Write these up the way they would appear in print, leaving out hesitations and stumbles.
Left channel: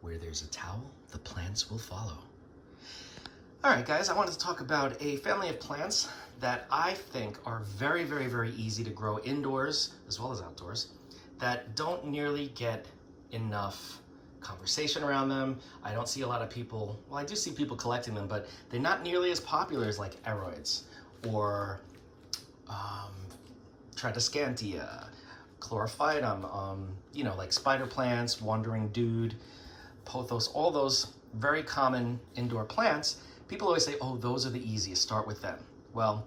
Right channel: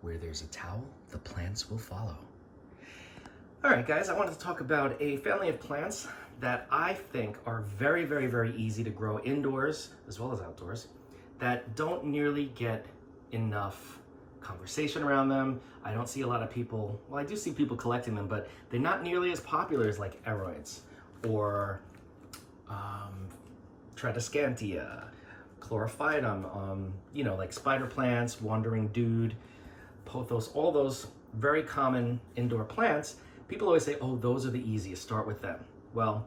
Where there's a towel, the plants will follow. All right, guys, I wanted to talk about a family of plants that I think are very, very, very easy to grow indoors as well as outdoors that don't nearly get enough conversation around them. I don't see a lot of people, well, I do see people collecting them, but they're not nearly as popular as like aroids or Tradescantia, chlorophytum, you know, like spider plants, wandering dude, pothos, all those very common indoor plants. People always say, oh, those are the easiest, start with them. Well,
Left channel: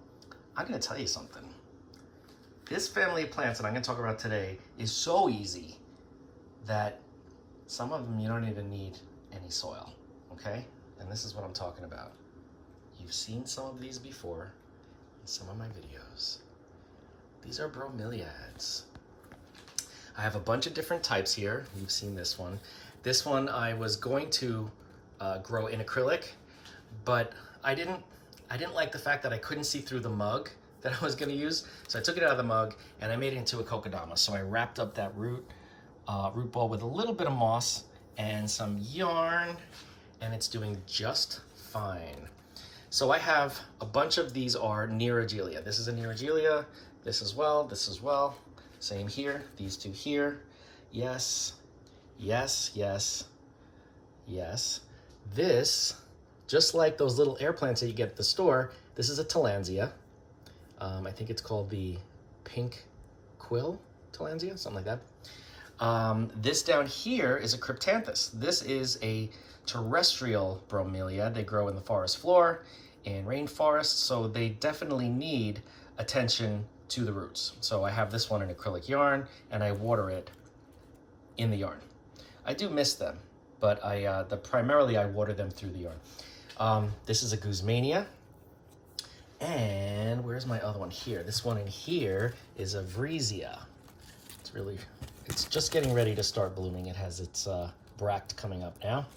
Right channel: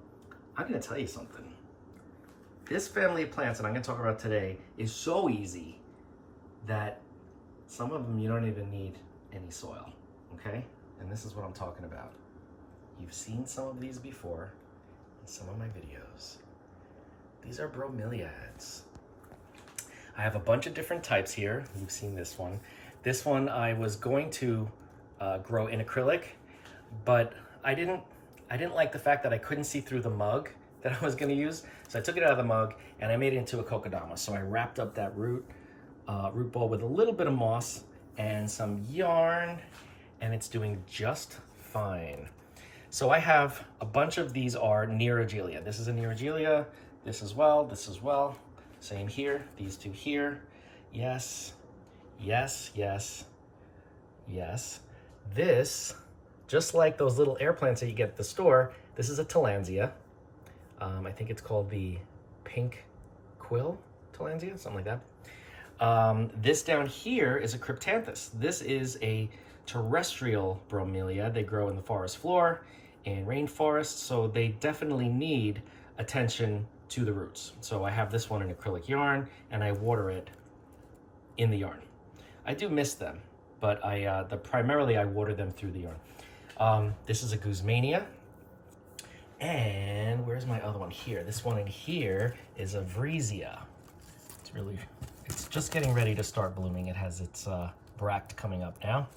I'm gonna tell you something. This family of plants that I'm gonna talk about today is so easy that some of them you don't even need any soil, okay? And this is what I'm talking about. You've seen some of these before in some of my videos. These are bromeliads. I have a bunch of different types here. You've seen this one. This one I was going to grow in acrylic, but I didn't like the fact that I couldn't see through the mug that I was gonna use. So I took it out of the mug and I made it into a kokedama. So I wrapped up that root ball with a little bit of moss and some yarn, and it's doing just fine. So I have a bunch of these are Nerogelia. This is a Nerogelia, this as well, this as well. Same here, these two here. Yes, yes, yes, yes. This, just like those little air plants that you get at the store, this is a Tillandsia. I think it's called the pink quill Tillandsia, something like that. This down here is a Cryptanthus. This is a terrestrial bromelia. They grow in the forest floor, in rainforests, so they definitely need attention to the roots. So I have this one in acrylic yarn, and I water it in the yarn. I do miss them, but primarily I water them through the yarn. This is a Guzmania. And where's my other one here? This one in here is a Vriesia. It's just getting ready to start blooming. It has its bract coming up now.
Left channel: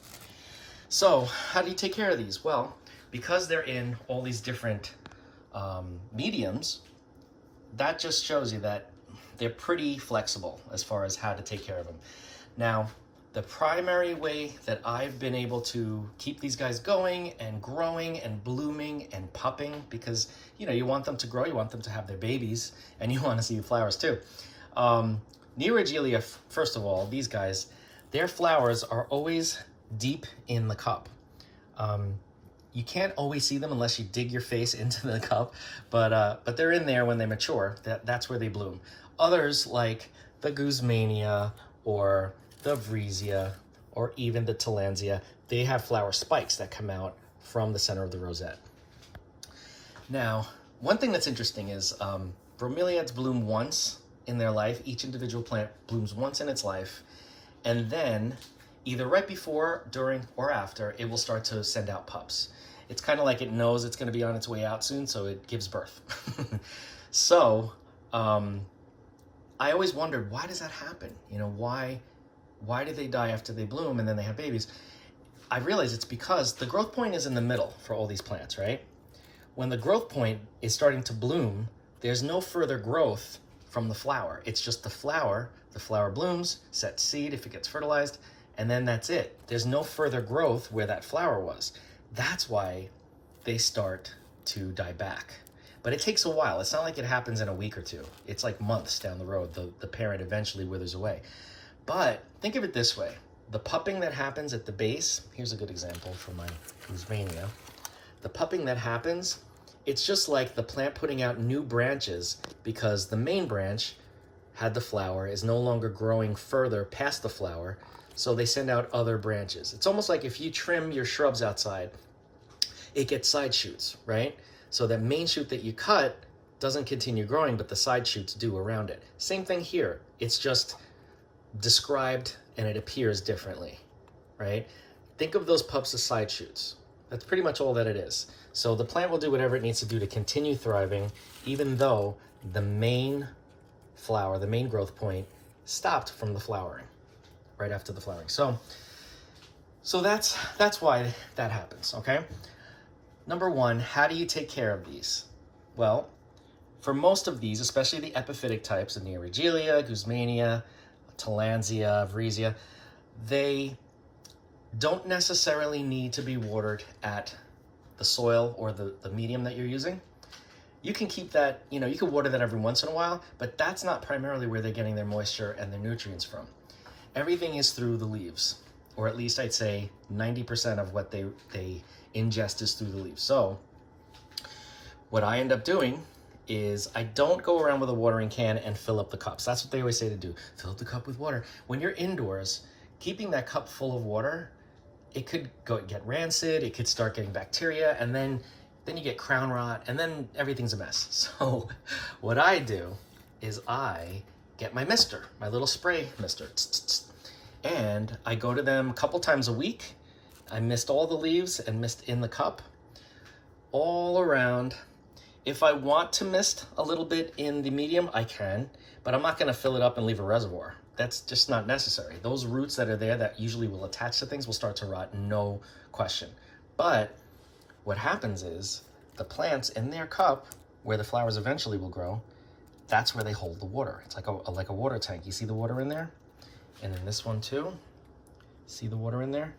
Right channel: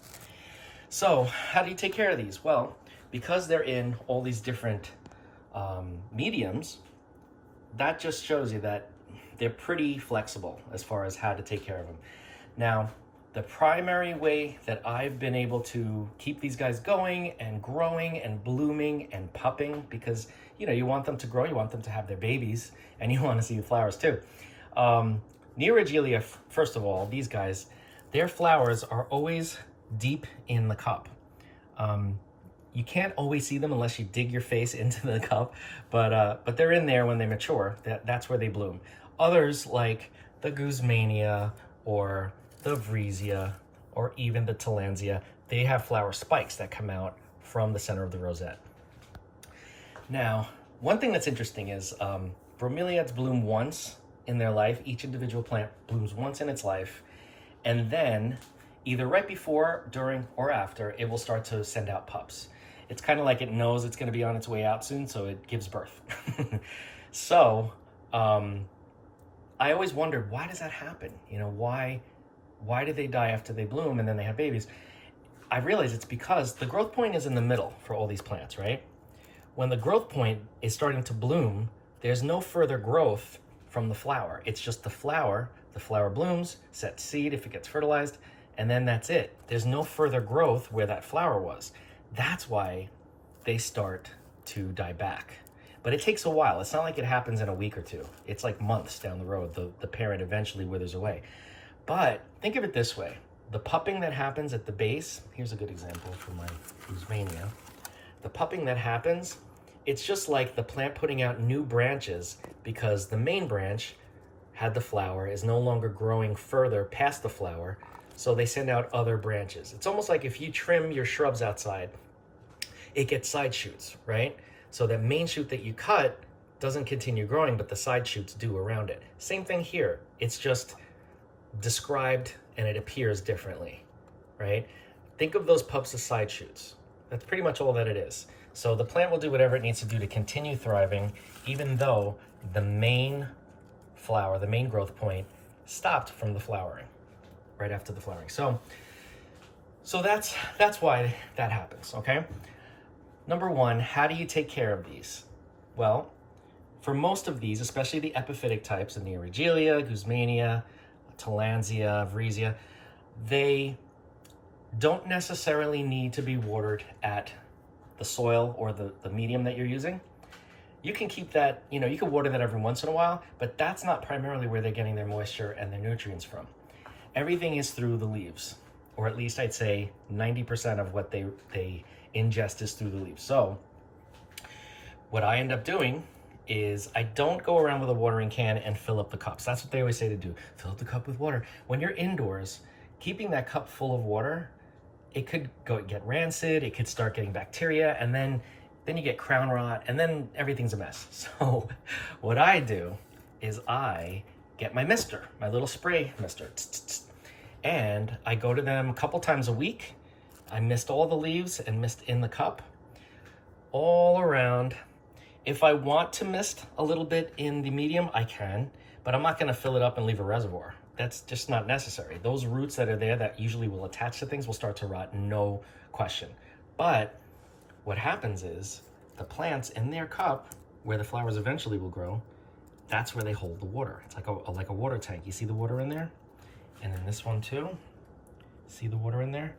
So how do you take care of these? Well, because they're in all these different mediums, that just shows you that they're pretty flexible as far as how to take care of them. Now, the primary way that I've been able to keep these guys going and growing and blooming and pupping, because you know you want them to grow, you want them to have their babies, and you want to see the flowers too. Nerogelia, first of all, these guys, their flowers are always deep in the cup. You can't always see them unless you dig your face into the cup, but they're in there when they mature. That's where they bloom. Others, like the Guzmania or the Vriesia or even the Tillandsia, they have flower spikes that come out from the center of the rosette. Now, one thing that's interesting is bromeliads bloom once in their life. Each individual plant blooms once in its life, and then either right before, during, or after, it will start to send out pups. It's kind of like it knows it's going to be on its way out soon, so it gives birth. So I always wondered, why does that happen? You know, why do they die after they bloom and then they have babies? I realize it's because the growth point is in the middle for all these plants, right? When the growth point is starting to bloom, there's no further growth from the flower. It's just the flower blooms, sets seed if it gets fertilized, and then that's it. There's no further growth where that flower was. That's why they start to die back. But it takes a while. It's not like it happens in a week or two. It's like months down the road. The parent eventually withers away. But think of it this way. The pupping that happens at the base, here's a good example from my Guzmania. The pupping that happens, it's just like the plant putting out new branches because the main branch had the flower, is no longer growing further past the flower, so they send out other branches. It's almost like if you trim your shrubs outside, it gets side shoots, right? So that main shoot that you cut doesn't continue growing, but the side shoots do around it. Same thing here. It's just described and it appears differently, right? Think of those pups as side shoots. That's pretty much all that it is. So the plant will do whatever it needs to do to continue thriving, even though the main flower, the main growth point, stopped from the flowering, right after the flowering. So that's why that happens, okay? Number one, how do you take care of these? Well, for most of these, especially the epiphytic types, the Nerogelia, Guzmania, Tillandsia, Vriesia, they don't necessarily need to be watered at the soil or the medium that you're using. You can keep that, you know, you can water that every once in a while, but that's not primarily where they're getting their moisture and their nutrients from. Everything is through the leaves, or at least I'd say 90% of what they ingest is through the leaves. So what I end up doing is I don't go around with a watering can and fill up the cups. That's what they always say to do. Fill up the cup with water. When you're indoors, keeping that cup full of water, it could get rancid, it could start getting bacteria, and then you get crown rot, and then everything's a mess. So what I do is I get my mister, my little spray mister, and I go to them a couple times a week. I mist all the leaves and mist in the cup all around. If I want to mist a little bit in the medium, I can, but I'm not gonna fill it up and leave a reservoir. That's just not necessary. Those roots that are there that usually will attach to things will start to rot, no question. But what happens is the plants in their cup, where the flowers eventually will grow, that's where they hold the water. It's like a water tank. You see the water in there? And in this one too, see the water in there?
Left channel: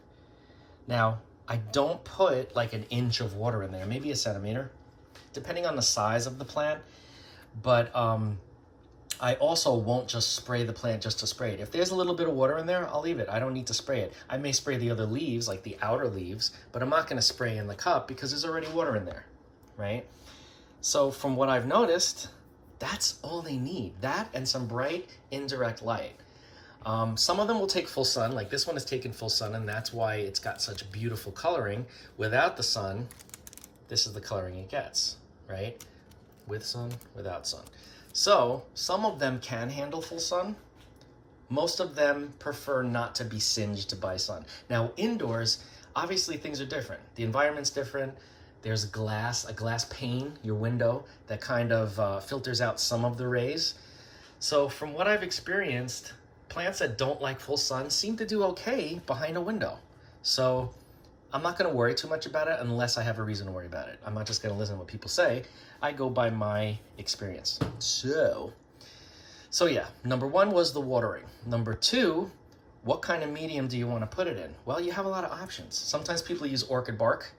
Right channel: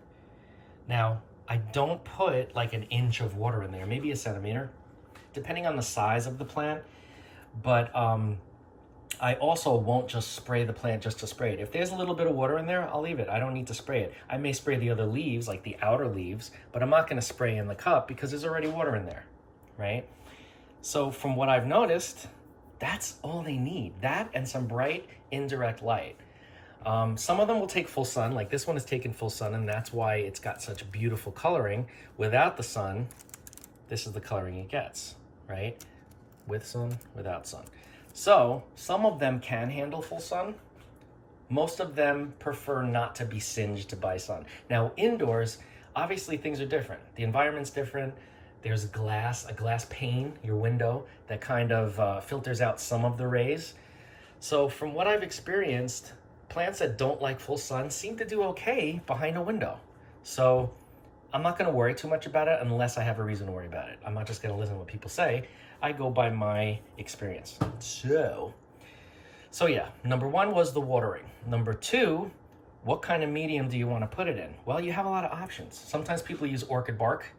Now, I don't put like an inch of water in there, maybe a centimeter, depending on the size of the plant. But I also won't just spray the plant just to spray it. If there's a little bit of water in there, I'll leave it. I don't need to spray it. I may spray the other leaves, like the outer leaves, but I'm not gonna spray in the cup because there's already water in there, right? So from what I've noticed, that's all they need. That and some bright indirect light. Some of them will take full sun, like this one is taking full sun, and that's why it's got such beautiful coloring. Without the sun, this is the coloring it gets, right? With sun, without sun. So some of them can handle full sun. Most of them prefer not to be singed by sun. Now indoors, obviously things are different. The environment's different. There's a glass pane, your window, that kind of filters out some of the rays. So from what I've experienced, plants that don't like full sun seem to do okay behind a window. So I'm not gonna worry too much about it unless I have a reason to worry about it. I'm not just gonna listen to what people say. I go by my experience. So yeah, number one was the watering. Number two, what kind of medium do you want to put it in? Well, you have a lot of options. Sometimes people use orchid bark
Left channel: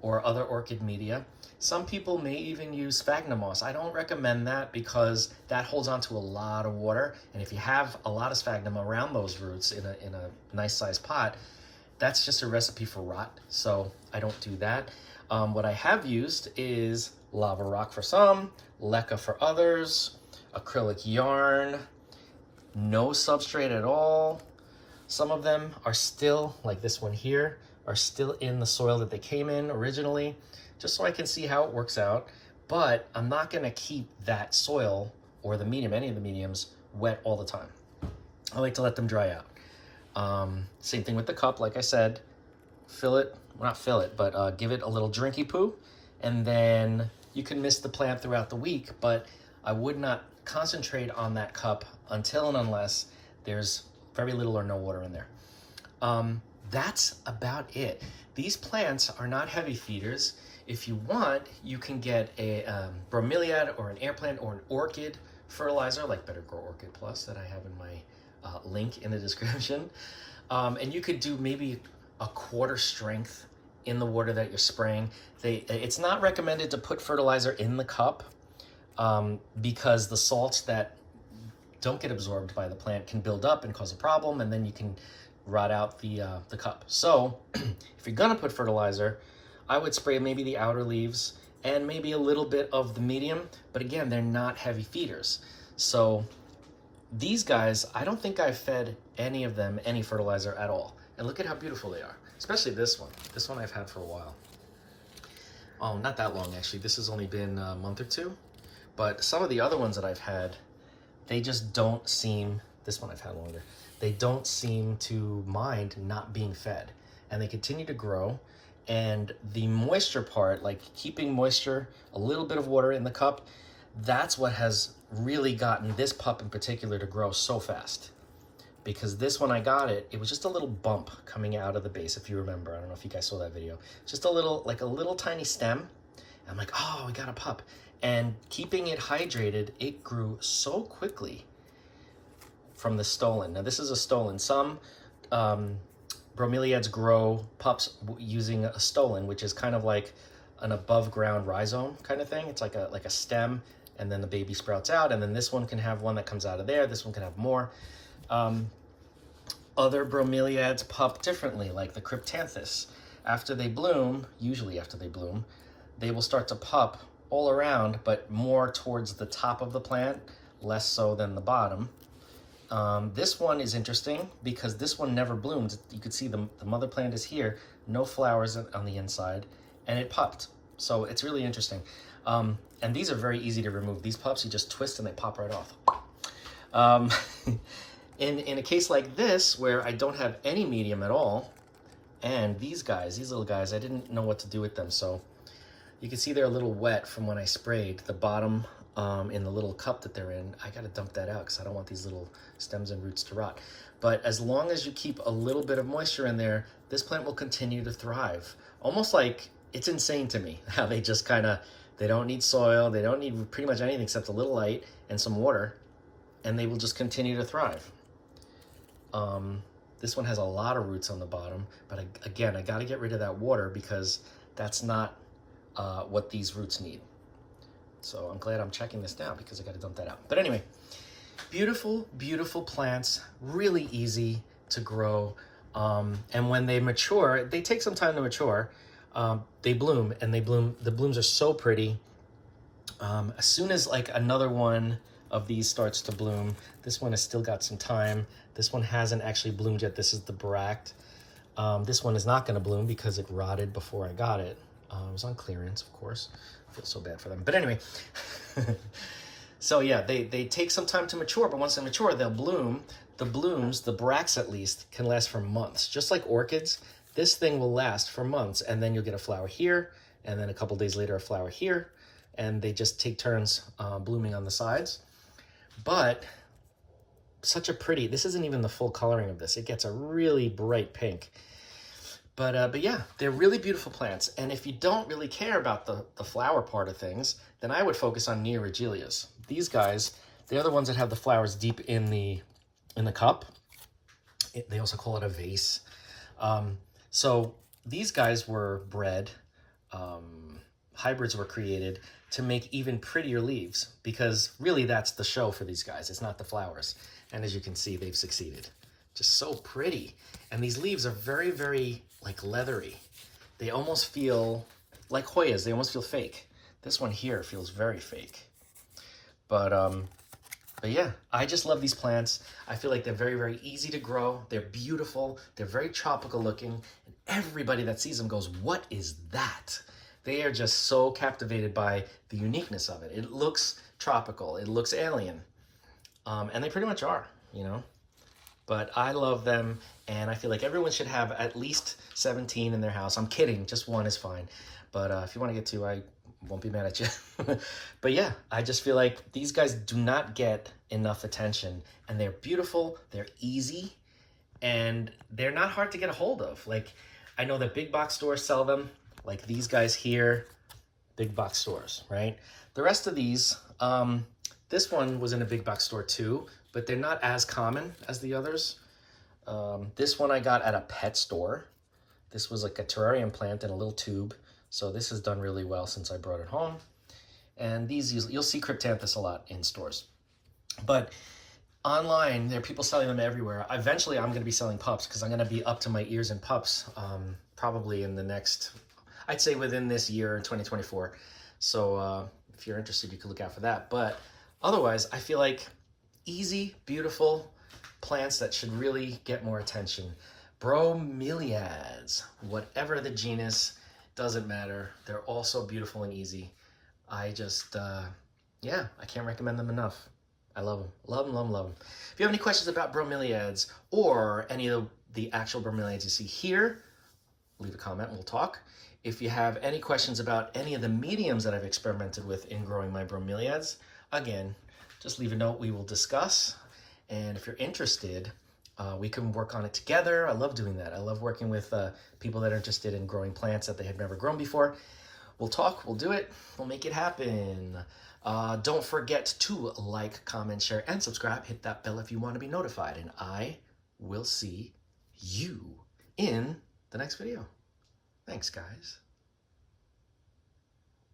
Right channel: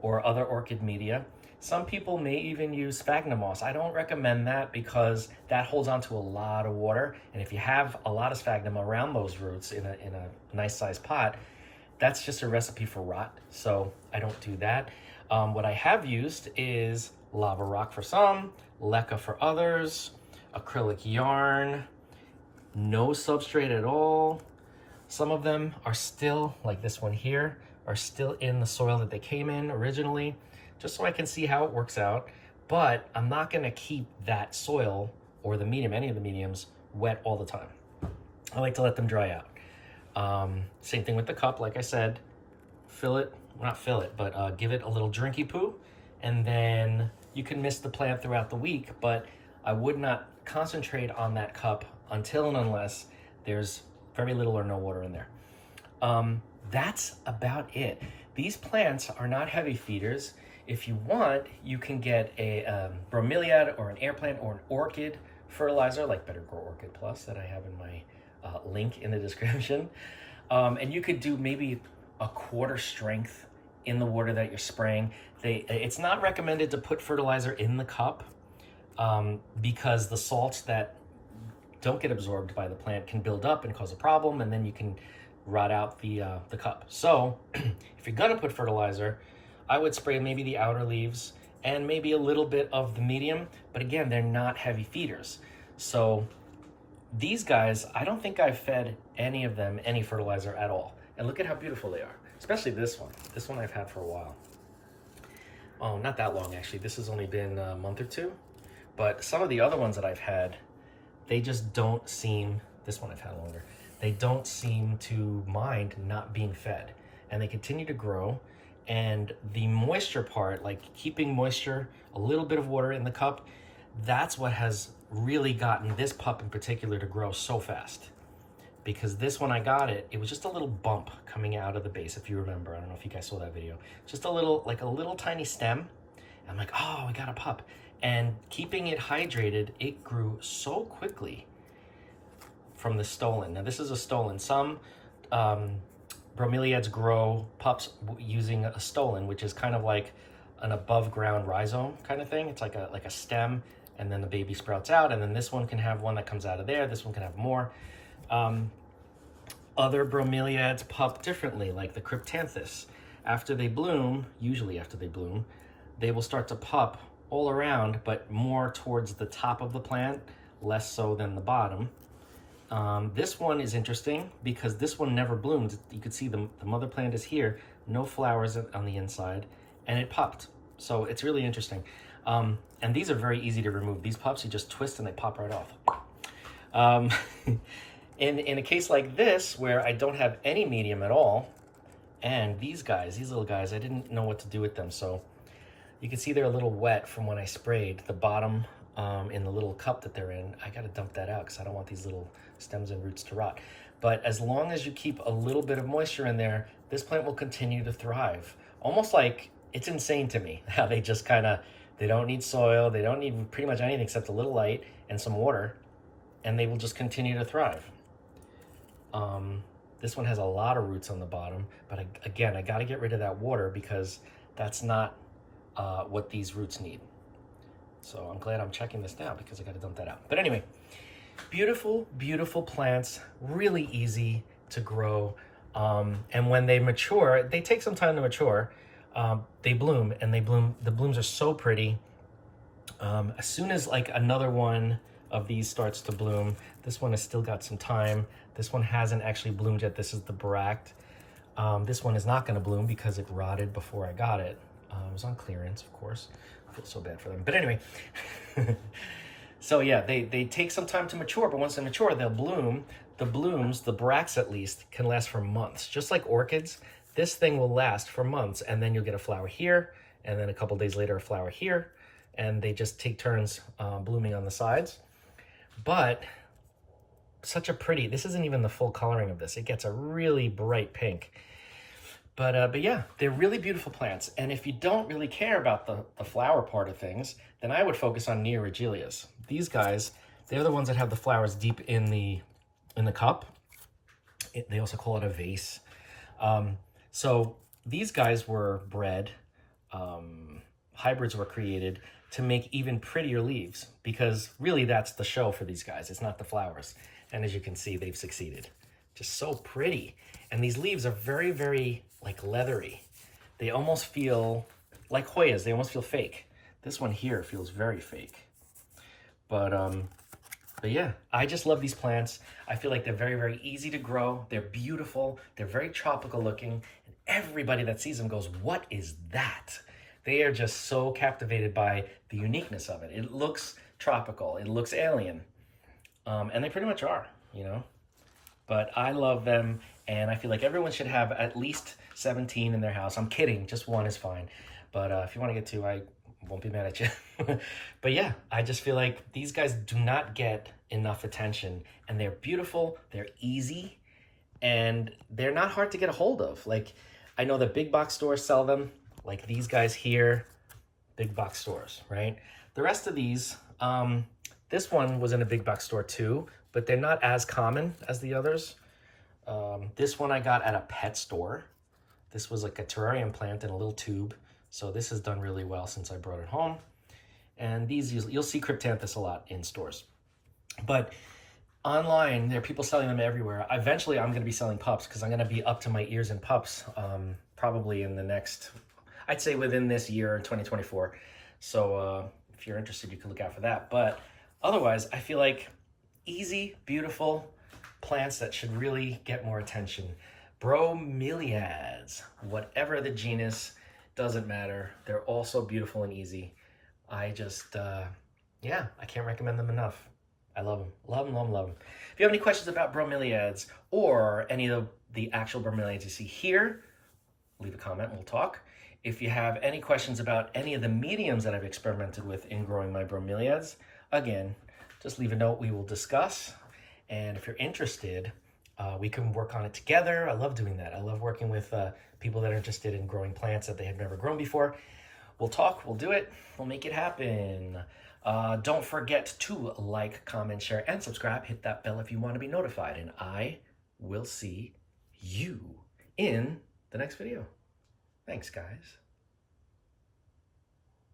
or other orchid media. Some people may even use sphagnum moss. I don't recommend that because that holds on to a lot of water. And if you have a lot of sphagnum around those roots in a nice sized pot, that's just a recipe for rot. So I don't do that. What I have used is lava rock for some, leca for others, acrylic yarn, no substrate at all. Some of them are still, like this one here, are still in the soil that they came in originally, just so I can see how it works out. But I'm not gonna keep that soil or the medium, any of the mediums, wet all the time. I like to let them dry out. Same thing with the cup, like I said, fill it, well, not fill it, but give it a little drinky poo, and then you can mist the plant throughout the week, but I would not concentrate on that cup until and unless there's very little or no water in there. That's about it. These plants are not heavy feeders. If you want, you can get a bromeliad or an air plant or an orchid fertilizer, like Better Grow Orchid Plus that I have in my link in the description. And you could do maybe a quarter strength in the water that you're spraying. It's not recommended to put fertilizer in the cup because the salts that don't get absorbed by the plant can build up and cause a problem, and then you can rot out the cup. So if you're gonna put fertilizer, I would spray maybe the outer leaves and maybe a little bit of the medium, but again, they're not heavy feeders. So these guys, I don't think I've fed any of them any fertilizer at all. And look at how beautiful they are, especially this one. This one I've had for a while. Oh, not that long actually. This has only been a month or two. But some of the other ones that I've had, they just don't seem, this one I've had longer, they don't seem to mind not being fed. And they continue to grow. And the moisture part, like keeping moisture, a little bit of water in the cup, that's what has really gotten this pup in particular to grow so fast. Because this, when I got it, it was just a little bump coming out of the base, if you remember. I don't know if you guys saw that video. Just a little, like a little tiny stem. I'm like, oh, we got a pup. And keeping it hydrated, it grew so quickly from the stolon. Now this is a stolon. Some bromeliads grow pups using a stolon, which is kind of like an above ground rhizome kind of thing. It's like a stem, and then the baby sprouts out, and then this one can have one that comes out of there. This one can have more. Other bromeliads pup differently, like the cryptanthus. After they bloom, usually after they bloom, they will start to pup all around, but more towards the top of the plant, less so than the bottom. This one is interesting because this one never bloomed. You can see the mother plant is here, no flowers on the inside, and it pupped. So it's really interesting. And these are very easy to remove. These pups, you just twist and they pop right off. In a case like this, where I don't have any medium at all, and these little guys, I didn't know what to do with them. So you can see they're a little wet from when I sprayed. The bottom in the little cup that they're in, I gotta dump that out because I don't want these little stems and roots to rot. But as long as you keep a little bit of moisture in there, this plant will continue to thrive. Almost like, it's insane to me how they just they don't need soil, they don't need pretty much anything except a little light and some water, and they will just continue to thrive. This one has a lot of roots on the bottom, but again, I gotta get rid of that water because that's not what these roots need. So I'm glad I'm checking this now because I gotta dump that out. But anyway, beautiful, beautiful plants, really easy to grow. And when they mature, they take some time to mature. They bloom, and the blooms are so pretty. As soon as like another one of these starts to bloom, this one has still got some time. This one hasn't actually bloomed yet. This is the bract. This one is not gonna bloom because it rotted before I got it. It was on clearance, of course. I feel so bad for them. But anyway, so yeah, they take some time to mature, but once they mature, they'll bloom. The blooms, the bracts at least, can last for months. Just like orchids, this thing will last for months, and then you'll get a flower here, and then a couple days later, a flower here, and they just take turns blooming on the sides. But such a pretty, this isn't even the full coloring of this. It gets a really bright pink. But yeah, they're really beautiful plants. And if you don't really care about the flower part of things, then I would focus on neoregelias. These guys, they're the ones that have the flowers deep in the cup. They also call it a vase. So these guys were bred, hybrids were created to make even prettier leaves, because really that's the show for these guys. It's not the flowers. And as you can see, they've succeeded. Just so pretty. And these leaves are very, very like leathery. They almost feel like Hoyas. They almost feel fake. This one here feels very fake. But yeah, I just love these plants. I feel like they're very, very easy to grow. They're beautiful. They're very tropical looking. And everybody that sees them goes, what is that? They are just so captivated by the uniqueness of it. It looks tropical. It looks alien. And they pretty much are, you know. But I love them, and I feel like everyone should have at least 17 in their house. I'm kidding, just one is fine. But if you want to get two, I won't be mad at you. But yeah, I just feel like these guys do not get enough attention, and they're beautiful, they're easy, and they're not hard to get a hold of. Like, I know that big box stores sell them, like these guys here, big box stores, right? The rest of these, this one was in a big box store too, but they're not as common as the others. This one I got at a pet store. This was like a terrarium plant in a little tube. So this has done really well since I brought it home. And these, you'll see cryptanthus a lot in stores. But online, there are people selling them everywhere. Eventually, I'm gonna be selling pups because I'm gonna be up to my ears in pups probably in the next, I'd say within this year, 2024. So if you're interested, you can look out for that. But otherwise, I feel like easy, beautiful plants that should really get more attention. Bromeliads, whatever the genus, doesn't matter. They're all so beautiful and easy. I just, yeah, I can't recommend them enough. I love them, love them, love them, love them. If you have any questions about bromeliads or any of the actual bromeliads you see here, leave a comment and we'll talk. If you have any questions about any of the mediums that I've experimented with in growing my bromeliads, again, just leave a note, we will discuss. And if you're interested, we can work on it together. I love doing that. I love working with people that are interested in growing plants that they have never grown before. We'll talk, we'll do it, we'll make it happen. Don't forget to like, comment, share, and subscribe. Hit that bell if you want to be notified. And I will see you in the next video. Thanks, guys.